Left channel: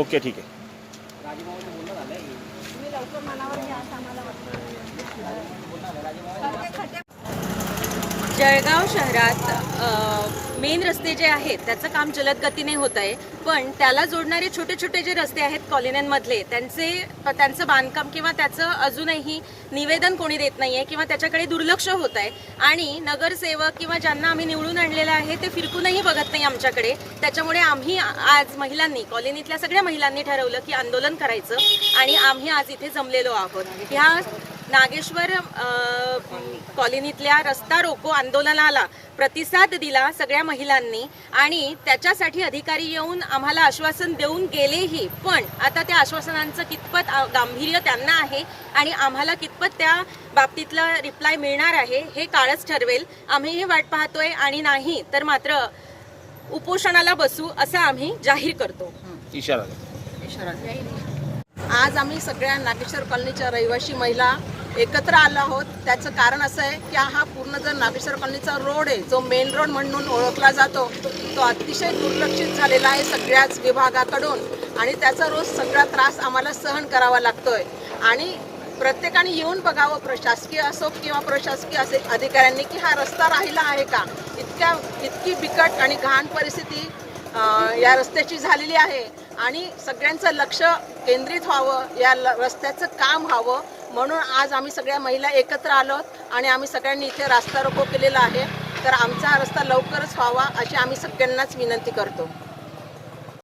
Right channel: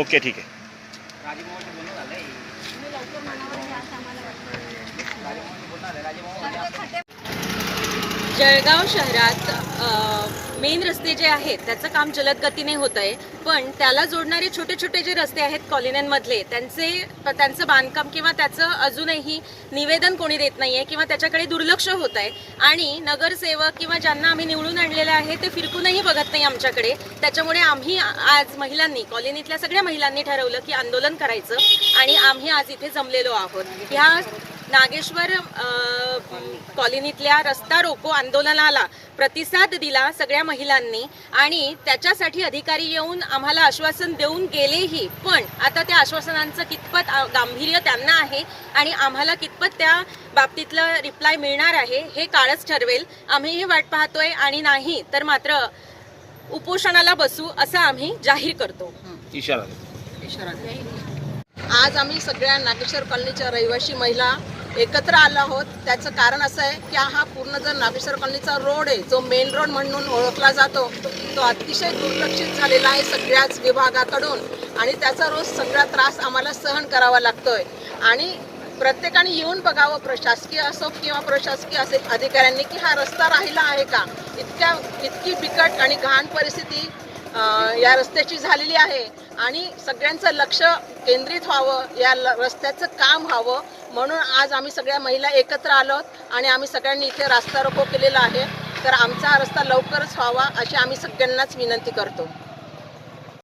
Okay ठीक आहे. जळगाव शहरात मेन रस्ते जे आहेत त्याचं काम जलद गतीने होत आहे. पण त्याला जोडणारे छोटे छोटे जे रस्ते आहेत कॉलन्यांमधले त्यांचे त्यांचं बांधकाम किंवा त्याचं अजूनही निवेदन कोणी देत नाही आहे किंवा त्याच्याकडे दुर्लक्ष होत आहे. आणि नगरसेवक किंवा ज्यांना आम्ही निवडून आणलेलं आहे ते फिरकूनही बघत नाही आमच्याकडे. त्याच्यामुळे आम्ही आज महिलांनी कॉलनीतल्या सगळ्या महिलांनी ठरवलं की आंदोलन करायचं आणि आम्ही आज इथे जमलेलो आहोत. ह्या नागेश्वर कॉलनीतल्या रस्ता रोको आंदोलनाला प्रतिसाद दिला सगळ्या महिलांनी आणि त्याच्यासाठी अधिकारी येऊन आम्हाला आश्वासन देऊन गेलेही. पण आता त्या आश्वासनांचं कितपत गांभीर्य त्यांना आहे आणि आम्हाला कितपत त्या बाबतीतलं रिप्लाय मिळणार आहे हे काळच ठरवेल. आम्हीही वाट पाहतोय आणि नाही तर मात्र उपोषणाला बसू असं आम्ही जाहीर करतो. इशारा द्या. आज आम्ही सगळ्या नागेश्वर कॉलनीच्या रहिवासी महिला एकत्र आलो आहोत. त्याचं कारण असं आहे की हा पूर्ण जर नागेश्वर कॉलनीचा रोड आहे जो मेन रोड म्हणून ओळखला जातो तो अतिशय दुर्लक्षित झालेला आहे सगळ्याच विभागाकडून. आणि त्याचा रोज सगळा त्रास आम्हाला सहन करावा लागतोय. आणि प्रत्येकाने येऊन बघावं प्रशासकीय असो किंवा प्रशासकीय असेल अधिकाऱ्यांनी की हा रस्ता राहिला आहे का? इतक्या इतकी बिकट आणि घाण परिस्थिती या रस्त्याची झालेली आहे. आणि सगळ्यांचं लक्ष केंद्रित व्हावं या ल- रस्त्याचं काम व्हावं. म्हणून आज आम्ही सगळ्या महिला एकत्र आलो आणि आम्ही सगळ्यांनी इथे रास्ता रोको केलेला आहे. तर आमचा हा रस्ता लवकरच व्हावा अशी आम्ही सगळ्यांनाच विनंती करतो.